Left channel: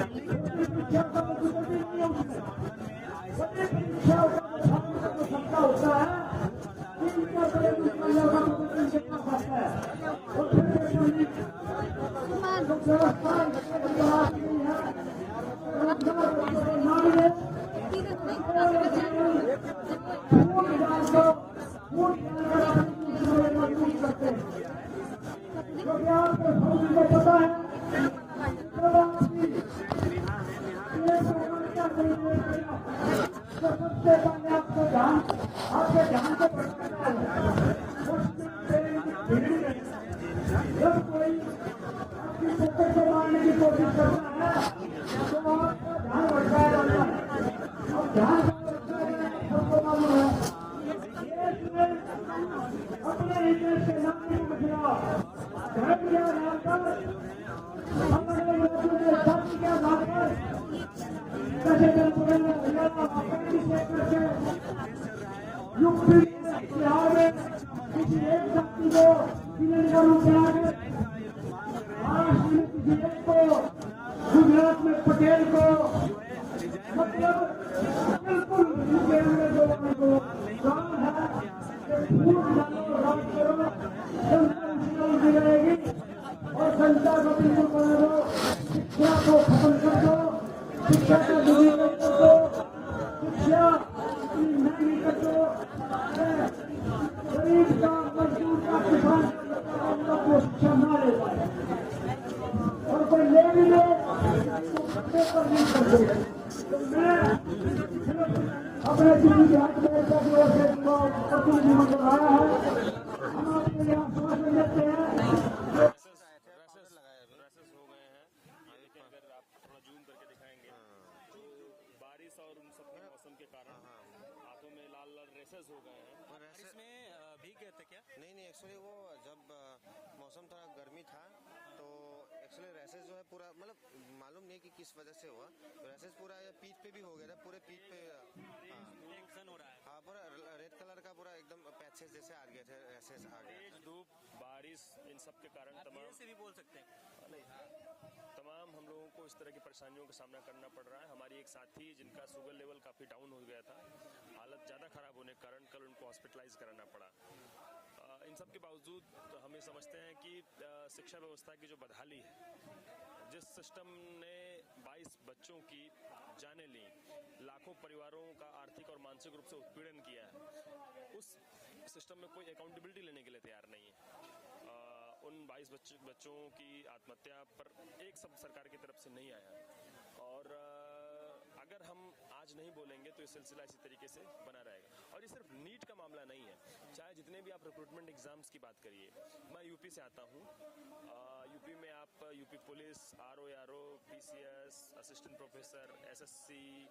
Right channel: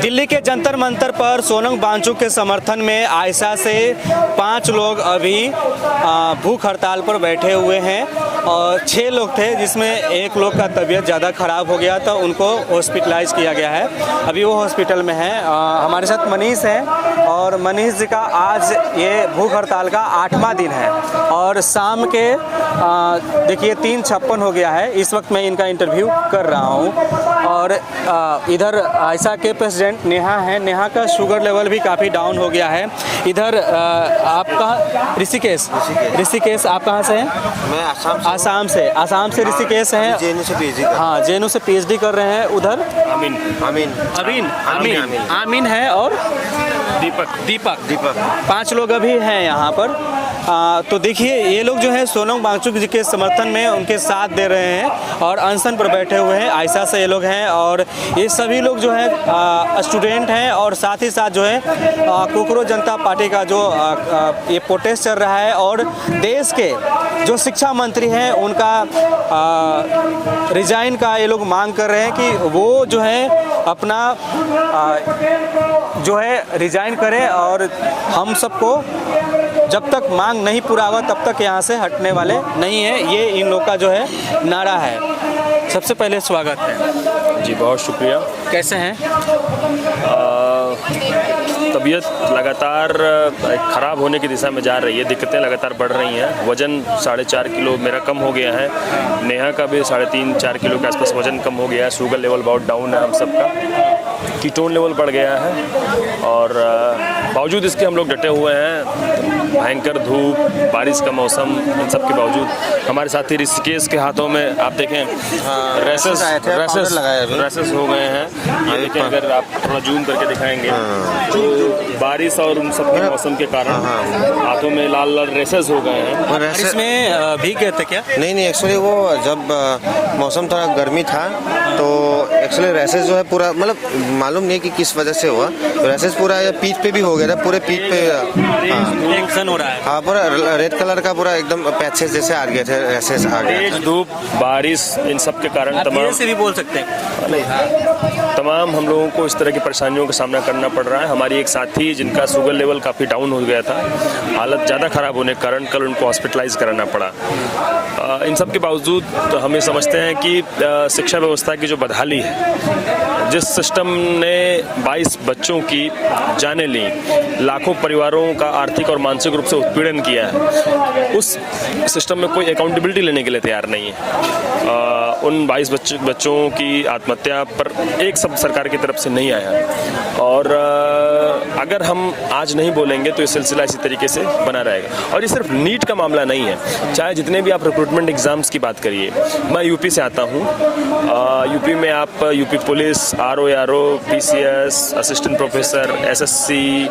दिल्ली के जंतर मंतर पर सोनम वांगचुक के समर्थन में आयशा से 5 लोग अभी भूख हड़ताल पर बैठे हुए हैं और 6 लोग थे जिसमें एक लोग का तबीयत ज़्यादा ख़राब हो गया तो उनको हॉस्पिटलाइज किया गया है। अभी वो हॉस्पिटल में है। हमारे साथ मनीष है और मनीष जी का आज ये भूख हड़ताल का 8वां दिन है और शाम के देखिए 3:56 हो गया है। इस वक्त मैं इनका इंटरव्यू कर रहा हूँ और इधर आयशा के प्रेसिडेंट नेहा है। नेहा का शुगर लेवल भी काफ़ी डाउन हो गया है। इधर आपका ऋषिकेश आप कहाँ से हैं? मैं आसाम से ऋषिकेश हैं। जेएनयू से पीएचडी हाँ, जेएनयू से पीएचडी कर रहे हैं। उधर आमीन है और दीपक 5 लोग अभी हैं यहाँ पर। तो देखिए ये लोग जो है सोनम वांगचुक जी के समर्थन में उनके साथ दे रहे हैं और अनशन पर बैठे हुए हैं। आयशा से ये लोग हैं और ये सभी लोग जो है स्टूडेंट हैं और साथ ही साथ जो है कोकरोच जनता पार्टी का जो ये प्रोटेस्ट चल रहा है और देश के जो शिक्षा मंत्री हैं उनका रिजाइन का ये लोग मांग कर रहे हैं कि वो जो है अपना जो है रिजाइन करें और हम सबको जब तक मांग नहीं पूरा होगा तब तक यहाँ से हटने वाले नहीं है। ये इन लोग का जो है नारा है। सबसे पहले स्वागत है जी, बहुत शुक्रिया। कैसे हैं? तबीयत लगातार ख़राब होने की दिशा में जा रही है। दिक्कतें लगातार बढ़ रही हैं। वज़न 4.5 किलो मेरा कम हो गया है। नेहा का भी 3.5-4 किलो के आसपास वज़न कम हो गया है। शुगर लेवल बहुत डाउन है हम सबका। कीटोन लेवल बढ़ गया है और बावजूद इसके हम लोग डटे हुए हैं। भयंकर धूप, बारिश का मौसम, इन सब के बावजूद हमारे साथी ऋषिकेश के हाथों में आप देखें रैसेस हो गए हैं। ये देखें, अगर आप थोड़ा जूम करके दिखाएंगे तो बारिश और उन सब के मौसम के कारण हाथों में लाल लाल रेसेस हो गए हैं। बारिश में भीग गए थे क्या? नहीं, एक्चुअली वो जब मौसम थोड़ा गर्मी था तो एक्चुअली रेसेस जो है पूरा, मतलब मालूम नहीं कि किस वजह से हुआ, रेसेस पूरा पीठ पे भी हो गया था, पूरे पीठ पे एक्शन हो रहा है। हाँ, पूरा रेड कलर का पूरा एकदम पैचेस जैसे आ गए थे, रेसेस आ गए। तेज धूप, बारिश, इन सब के कारण तमाम हम लोगों को इस तरह की परेशानियों का सामना करना पड़ रहा है। हमारी एक साथी जिनका शुगर लेवल काफ़ी डाउन हो गया था, हालत ज़्यादा ख़राब होने के कारण कल उनको हॉस्पिटलाइज कराना पड़ा। इन सब के बावजूद तो हम ये समझते हैं कि शिक्षा व्यवस्था की जो बदहाली है, जिस सिस्टम ने 22 बच्चों की जानें ली, लाखों परिवारों का आर्थिक और मानसिक रूप से उत्पीड़न किया है, उस सिस्टम में कोई अकाउंटेबिलिटी लेने के लिए तैयार नहीं है। उन 22 बच्चों की आत्महत्या पर एक शब्द सरकार की तरफ से नहीं आया और अगर हम आज नहीं बोलेंगे तो ये सिलसिला इसी तरीके से बना रहेगा। और ये सिर्फ नीट का मामला नहीं है, चाहे जितने भी आप रिक्रूटमेंट एग्जाम्स की बात करिए। मैं यूपी से आता हूँ। यूपी में आप UP police, RO, PCS, assistant professor, SSC,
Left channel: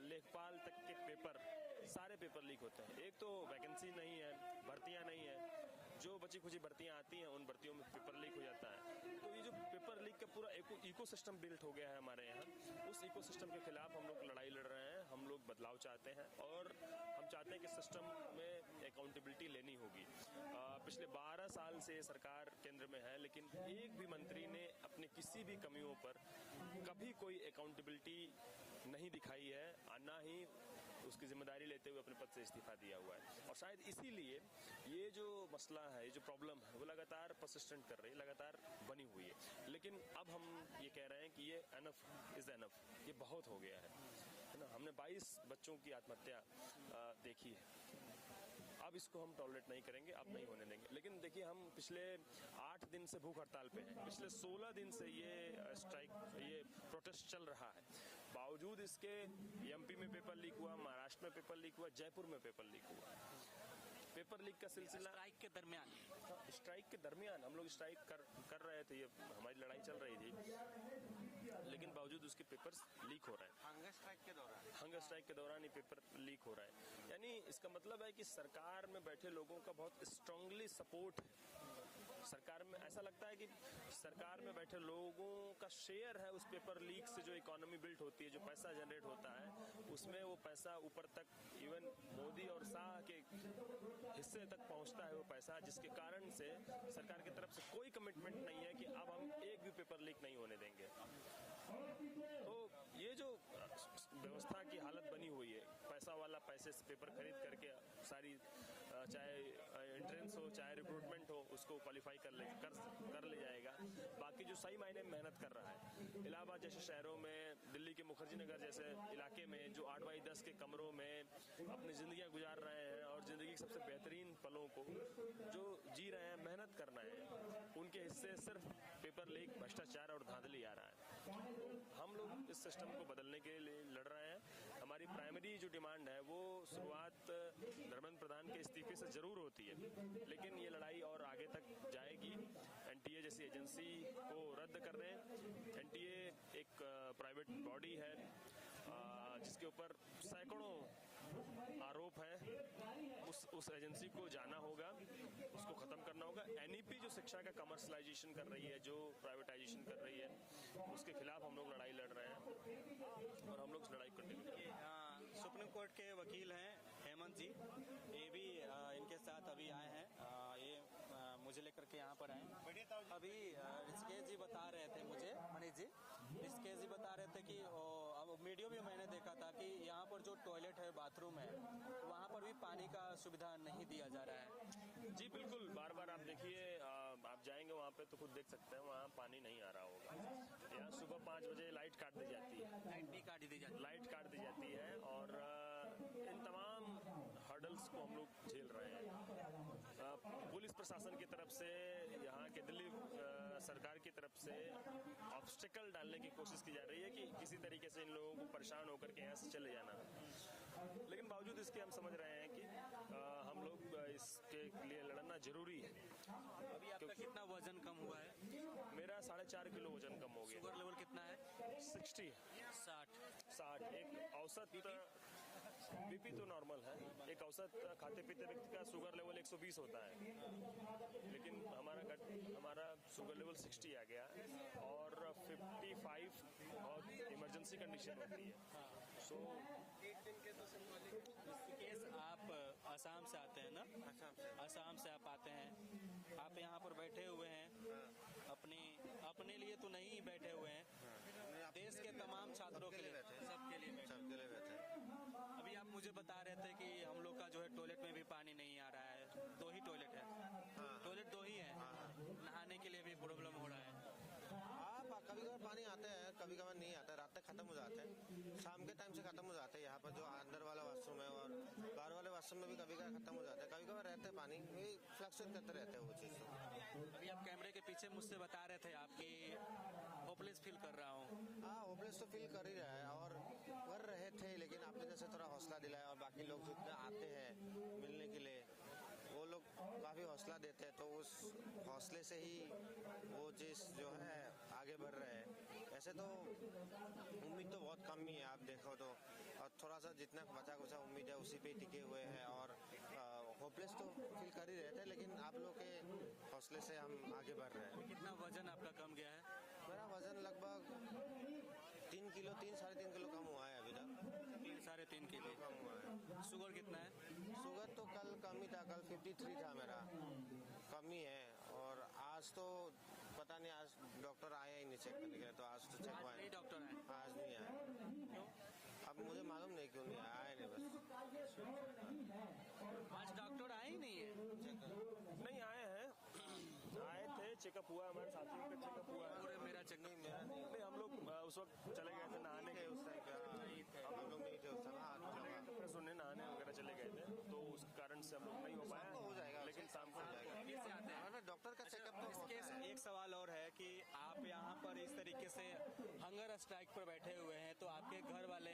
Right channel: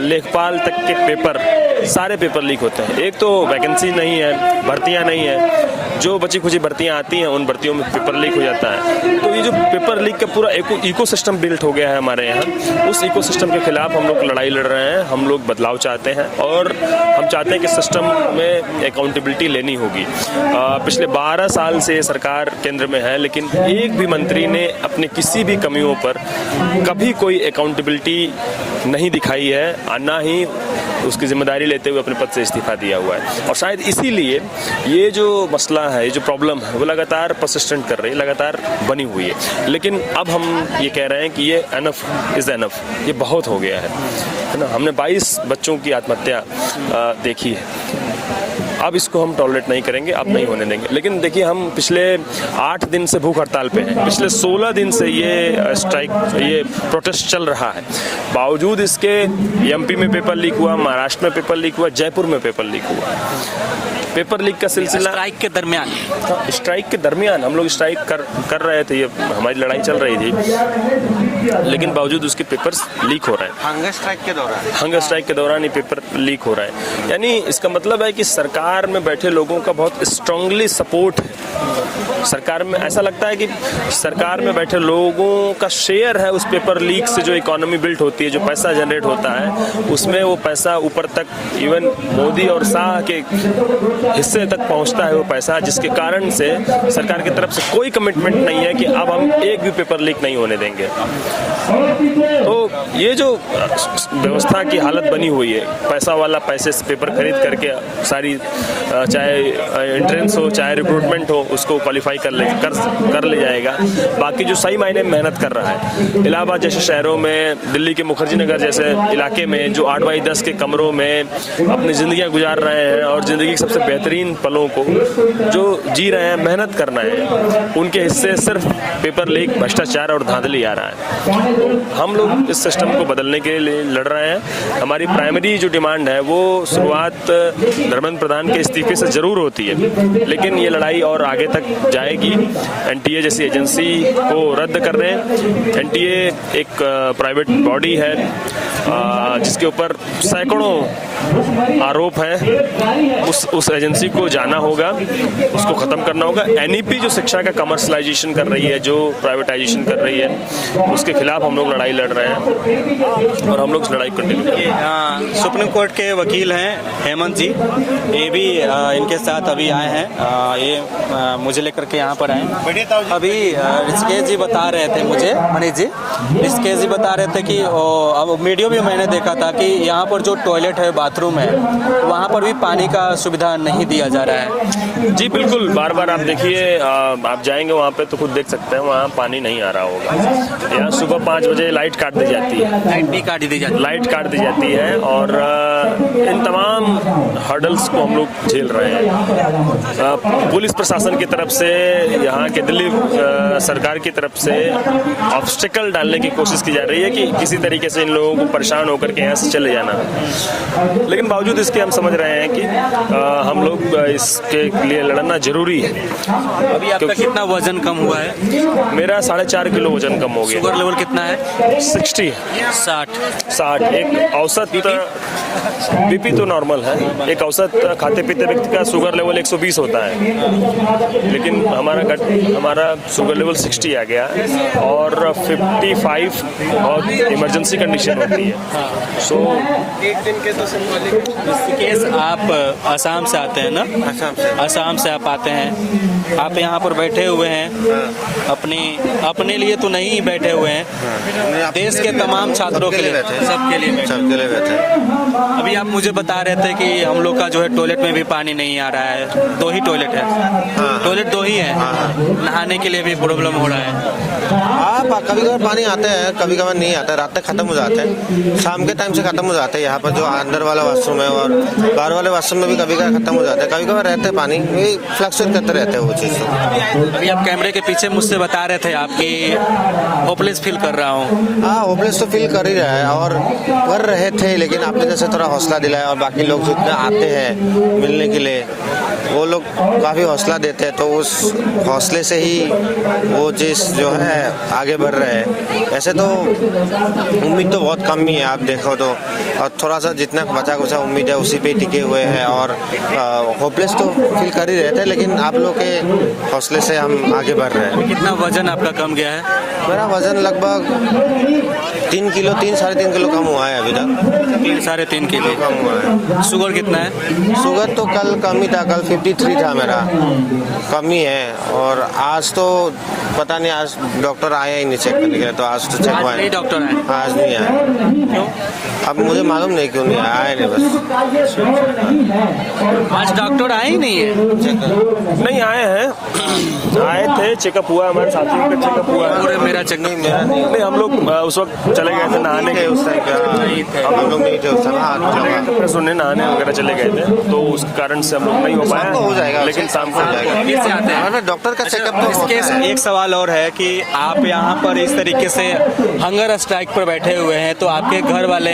लेखपाल तक के पेपर, सारे पेपर लीक होते हैं। एक तो वैकेंसी नहीं है, भर्तियाँ नहीं है, जो बची खुची भर्तियाँ आती हैं उन भर्तियों में पेपर लीक हो जाता है। तो ये जो पेपर लीक का पूरा इकोसिस्टम बिल्ट हो गया है हमारे यहाँ, उस इकोसिस्टम के खिलाफ हम लोग लड़ाई लड़ रहे हैं। हम लोग बदलाव चाहते हैं और हम चाहते हैं कि सिस्टम में अकाउंटेबिलिटी लेनी होगी। पिछले 12 साल से सरकार केंद्र में है, लेकिन एक भी मंत्री ने अपने किसी भी कमियों पर कभी कोई अकाउंटेबिलिटी नहीं दिखाई है, ना ही उसकी जिम्मेदारी लेते हुए अपने पद से इस्तीफा दिया हुआ है। और शायद इसीलिए ये जो मसला है, ये जो प्रॉब्लम है, वो लगातार परसिस्टेंट कर रही है, लगातार बनी हुई है। लेकिन अब हम ये कह रहे हैं कि ये एनफ इज़ एनफ, ये बहुत हो गया है ना। हमने 22 बच्चों की आत्महत्या देखी है, अब इसको हम टॉलरेट नहीं करेंगे, अब नहीं होने देंगे। लेकिन देखिए, हम पिछले 8 दिन से भूख हड़ताल पे हैं, पिछले 16 दिन से ये स्ट्राइक, ये प्रोटेस्ट चल रहा है। बावजूद इसके एमपी में पेपर लीक हुआ, महाराष्ट्र में पेपर लीक हुआ, जयपुर में पेपर लीक हुआ। पेपर लीक का सिलसिला स्ट्राइक के दरमियान हम लोग स्ट्राइक कर रहे थे, ये हमारी लड़ाई चल रही थी, लेकिन बावजूद उसके पेपर्स लीक हो रहे हैं। हंगर स्ट्राइक के दौरान ये पेपर लीक हो रहा है। यानी इसका मतलब है कि सरकार में बैठे लोगों का बहुत स्ट्रांगली सपोर्ट है सरकार में ऐसा लगता है कि सरकार में बैठे लोगों का शेयर है उस पेपर लीक से, जो इकोनॉमी बिल्ट होती है, जो पैसा जनरेट होता है, उसमें वो पैसा ऊपर तक इवन मोदी और शाह के हिस्से तक पहुंचता है वो पैसा, जिसके कारण से सरकार की तरफ से कोई कमिटमेंट नहीं है कि अब हम एक भी पेपर लीक नहीं होने देंगे। तो ये जो व्यवस्था की हालत बनी हुई है, पैसा वाला पैसे से पेपर खरीद करके सारी चाहे एंट्रेंस हो चाहे रिक्रूटमेंट हो उसको क्वालिफाई कर ले जाएगा। बाकी जो सही मायने में मेहनत कर रहा है, इलाहाबाद जैसे शहरों में, दिल्ली के मुखर्जी नगर जैसे इलाके में जो 8x10 के कमरों में अपनी ज़िंदगियां गुजार रहे हैं और ज़िंदगी के सबसे बेहतरीन पलों को जो जी रहे हैं, मेहनत करना है, उनके हिस्से सिर्फ पेपर लीक, भ्रष्टाचार और धांधली आ रहा है। तो हम लोग इस सिस्टम को बदलने के लिए लड़ रहे हैं। हमारी प्राइमरी जो डिमांड है वो शुरुआत धर्मेंद्र प्रधान के इस्तीफे से जरूर होती है, लेकिन ये लड़ाई और आगे तक जाएगी। एनटीए जैसी एजेंसी को रद्द कर रहे हैं। एनटीए एक प्राइवेट बॉडी है जिसके ऊपर सैकड़ों आरोप हैं। उस एजेंसी को जाना होगा, उसको खत्म करना होगा। एनईपी जो शिक्षा का कमर्शलाइजेशन कर रही है, जो प्राइवेटाइजेशन कर रही है, उसके खिलाफ हम लोग लड़ाई लड़ रहे हैं और हम लोग इस लड़ाई को कंटिन्यू। सुप्रीम कोर्ट के वकील हैं हेमंत जी, ये भी इनके साथ अभी आए हैं, ये मुझे लेकर के यहाँ पर आए। अभी ऋषिकेश जी बता रहे थे मुझे, मनीष जी ऋषिकेश जी बता रहे थे कि अब वीडियो भी मैंने देखा था कि यहाँ पर जो टॉयलेट है, बाथरूम है, वहाँ पर भी पानी का सुविधा नहीं दिया जा रहा है। जी बिल्कुल, बार बार आप देखिए, आप जाएंगे वहाँ पे तो खुद देख सकते हैं, वहाँ पानी नहीं आ रहा होगा। यहाँ सुबह 5 बजे लाइट काट दी जाती है, लाइट काट दी जाती है और इन तमाम हर्डल्स को हम लोग झेल रहे हैं। पुलिस प्रशासन की तरफ से, यहाँ के दिल्ली सरकार की तरफ से ऑब्स्टिकल डालने की कोशिश की जा रही है कि किसी तरीके से इन लोगों को परेशान होकर के यहाँ से चले जाना। लेकिन बावजूद इसके हम समझ रहे हैं कि हम लोग इसके लिए लड़ना जरूरी है। अभी आपका कितना वजन कम हुआ है? मेरा 4.5 किलो वजन कम हो गया। शुगर लेवल कितना है? 60 60। एक औसत बीपी तो नॉर्मल है, एक औसत खाते पीते व्यक्ति का शुगर लेवल 120 होता है, लेकिन हमारा शुगर लेवल 60 आ गया और 55 बहुत इमरजेंसी कंडीशन होती है। सो एक दिन के तो केस आप असम से आते हैं ना? असम से आप आते हैं, आप यहाँ पर बैठे हुए हैं, अपने लिए तो नहीं बैठे हुए हैं, देश के तमाम छात्रों के लिए, सबके लिए बैठे हैं। अभी आप मुझे बता रहे थे कि हम लोग का जो है टॉयलेट में भी पानी नहीं आ रहा है, 2 ही टॉयलेट है, टॉयलेट 2 ही है, नहाने के लिए भी प्रॉब्लम हो रहा है। कभी कभार पानी आते हैं, कभी कभार नहीं आता है, रात तक खत्म हो जाते हैं, शाम के टाइम से खत्म हो जाते हैं। यहाँ पर जो अंदर वाला वॉशरूम है और बाहर वाले वॉशरूम में भी कभी कभार खत्म हो जाता है, कभी कभार रहते हैं पानी, फ्लक्चुएट करते रहते हैं वो चीज़। अभी आप कैमरे के पीछे मुझसे बता रहे थे आपकी होपलेस फील कर रहा हूँ। हाँ, होपलेस तो फील कर ही रहा है और कर रहे थे, लेकिन आपने जैसे थोड़ा हौसला दिलाया और बाकी लोग जितने आते हैं मिलने के लिए, वो लोग काफ़ी हौसला देते हैं, तो उस हौसले से ही वो चीज़ जो है आगे बढ़ रहे हैं। ऐसे तो उम्मीद तो बहुत कम ही है, आप देखो तो, और थोड़ा सा जितना बचा कुचा उम्मीद है उसी पे टिके हुए हैं और होपलेस तो फील कर ही रहे थे, लेकिन आप लोग के हौसले से हम आगे बढ़ रहे हैं। कितना वजन आपका कम गया है? मेरा वजन लगभग 3 किलो, 3-3.5 किलो कम हुआ है अभी तक। 3-3.5 किलो कम हुआ है। शुगर कितना है? शुगर तो कल कम ही था, कल 53 था मेरा, कम ही है। और आज तो पता नहीं, आज डॉक्टर आए ही नहीं चेक करने के लिए, तो आज तो चेक हुआ है। डॉक्टर आए? आज नहीं आए। क्यों? अब मुझे मालूम नहीं क्यों नहीं आए, नहीं बस। आज डॉक्टर आए ही नहीं है? नहीं आए हैं, आए थे, चेकअप हुआ, हमारे साथियों का चेकअप हुआ। पूरे मेरा चेकअप मेरा नहीं, हम लोग उस वक्त चले गए थे नहाने के, उस टाइम हम लोग नहीं थे उस टाइम, सुनने नहाने वगैरह चले गए थे, तो उस कारण से हम लोग नहीं हो पाया। हो जाएगा, लेकिन शाम को हो जाएगा। कैसे आते हैं? डॉक्टर का चेकअप तो एक सवाल और है कि आप यहाँ पर इस तरीके से हंगर स्ट्राइक पर बैठे हुए हैं तो आपके घर वाले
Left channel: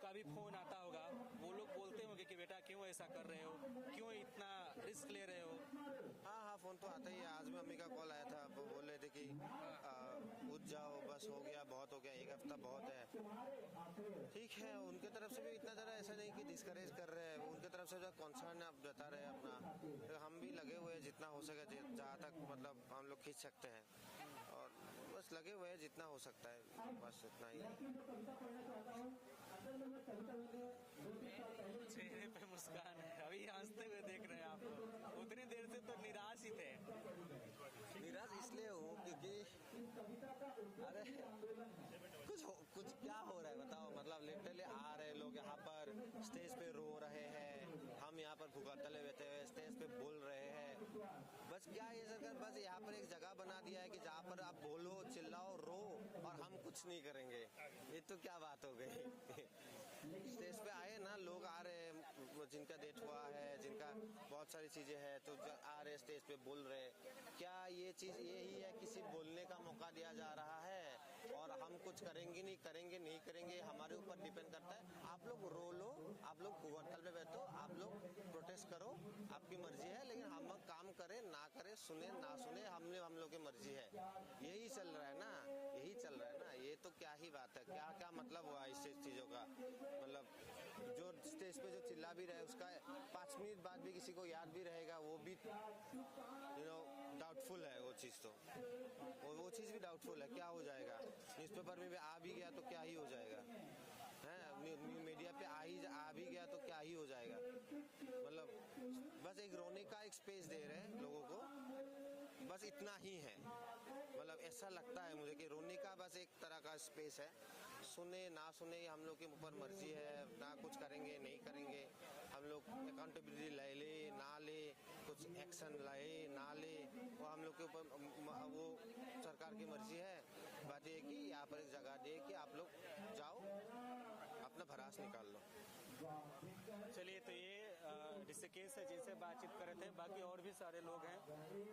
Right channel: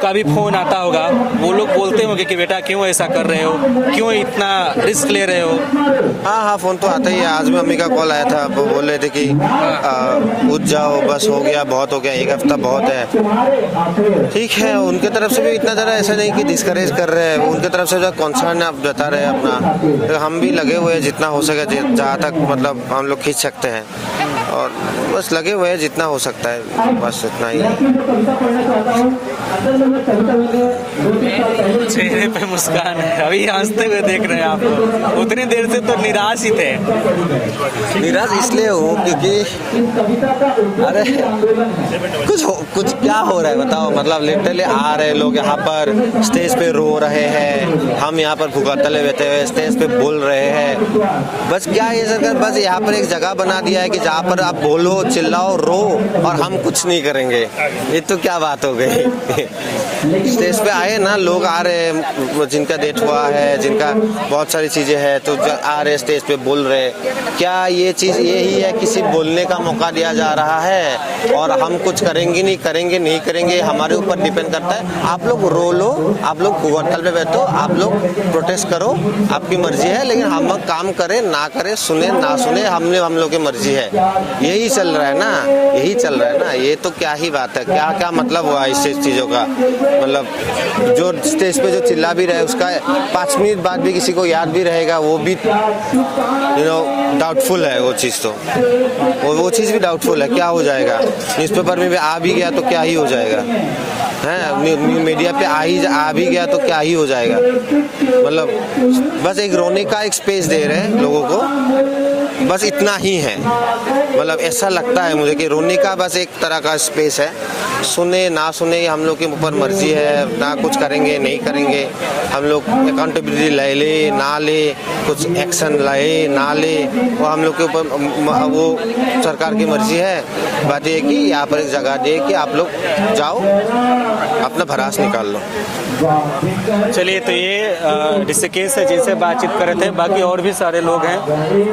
का भी फोन आता होगा, वो लोग बोलते होंगे कि बेटा क्यों ऐसा कर रहे हो, क्यों इतना रिस्क ले रहे हो? हाँ, फ़ोन तो आता ही है। आज भी मम्मी का कॉल आया था, वो बोल रहे थे कि उठ जाओ, बस हो गया, बहुत हो गया, एक हफ्ता बहुत है। ठीक है, उनके तरफ से भी इतना ज़्यादा ऐसा नहीं कि डिस्करेज कर रहे हैं, उनके तरफ से जो कंसर्न आप बता रहे हैं अपना, तो हम भी लगे हुए हैं जितना हो सके, जहाँ तक मतलब हम लोग खींच सकते हैं, और बस लगे हुए हैं जितना हो सकता है, बस इतना ही है। चेहरे पे मुस्कान है, अभी हंसते हुए देख रहे हैं आप। उतनी देर से तो निराश ही थे। निराश इसलिए हूँ क्योंकि अरे कुछ क्या हो रहा है बताओ, मतलब लिटरली आ रहे लोग यहाँ पर स्टेज पे रो रहे हैं, हम यहाँ पर भुगतले बैठे हुए स्टेज पे बोल रहे हैं। बस क्या है सरकार, बस यहाँ पर एक जगह बना दिया है कि जहाँ पर आप बोलो, चिल्लाओ, रो, और हम कुछ नहीं करेंगे। ये तो क्या बात हो गई। स्टेज पे आए ना लोग, आ रहे जिनका डेथ हुआ है, जिनका बहुत सारी चीजें हैं, तो आ रहे स्टेज पे बोल रहे। क्या ये चीज यही है कि सिर्फ बोलने का मौका दिया जा रहा है और हम कुछ करेंगे नहीं करेंगे, हमारे ऊपर डिपेंड करता है। आप लोग रो लो, आप लोग हड़ताल पे बैठो, आप लोग प्रोटेस्ट करो, आपकी मर्जी है, लेकिन हम काम करें ना करें, सुने ना सुने, हम लोग की मर्जी है। यही चल रहा है ना, ये तो क्या ही बात है, क्या मतलब हुआ इस चीजों का। मतलब जो स्टेज पे जो चिल्ला भी रहे उसका 5 मिनट बाद भी किसी को याद भी रहेगा, वो भी डाउटफुल है। वो चीज़ तो वो चीज़ भी डाउटफुल है, क्या हो जाएगा। न्यूज़पेपर में भी आ भी गया तो क्या ही हो जाएगा, है मीडिया पे आ भी गया तो क्या ही हो जाएगा। मतलब बस एक रोने का एक स्पेस दे रहे हैं लोगों को, बस इतना ही है। मतलब ऐसा लगता है मुझे कि रोने का बस एक तरह का स्पेस है, सुने ना सुने हम लोग के ऊपर मर्जी है, ना कुछ करेंगे नहीं करेंगे, हम लोग अकाउंटेबिलिटी ले ना ले, कुछ एक्शन ले ना ले, वो हम लोग के ऊपर वो सरकार की मर्जी है। बात ये है कि यहाँ पर एक जगह दे कि आप लोग जाओ अपना भड़ास निकाल लो। चलिए, तो ये ऋषिकेश है जिनसे बातचीत कर रहे थे। बाकी और भी सारे लोग हैं,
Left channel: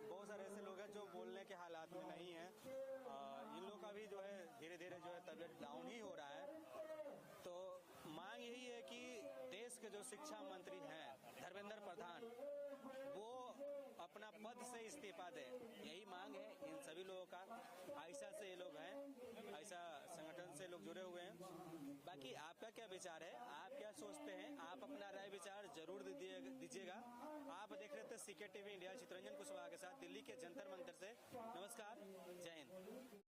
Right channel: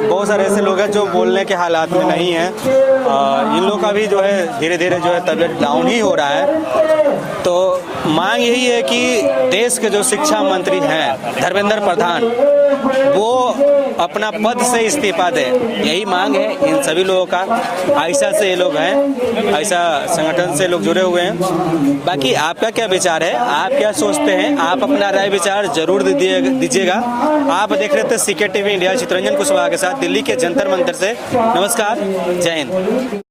बहुत सारे ऐसे लोग हैं जो बोलने के हालात में नहीं हैं। इन लोगों का भी जो है धीरे धीरे जो है तबीयत डाउन ही हो रहा है। तो मांग यही है कि देश के जो शिक्षा मंत्री हैं धर्मेंद्र प्रधान, वो अपना पद से इस्तीफा दें, यही मांग है इन सभी लोगों का। आयशा से ये लोग हैं, आयशा संगठन से लोग जुड़े हुए हैं। बाकी आपका क्या विचार है, आप क्या सोचते हैं, आप अपना राय विचार जरूर दीजिएगा। आप देख रहे थे CK TV India, Chittaranjan Kushwaha के साथ दिल्ली के जंतर मंतर से। नमस्कार, जय हिंद।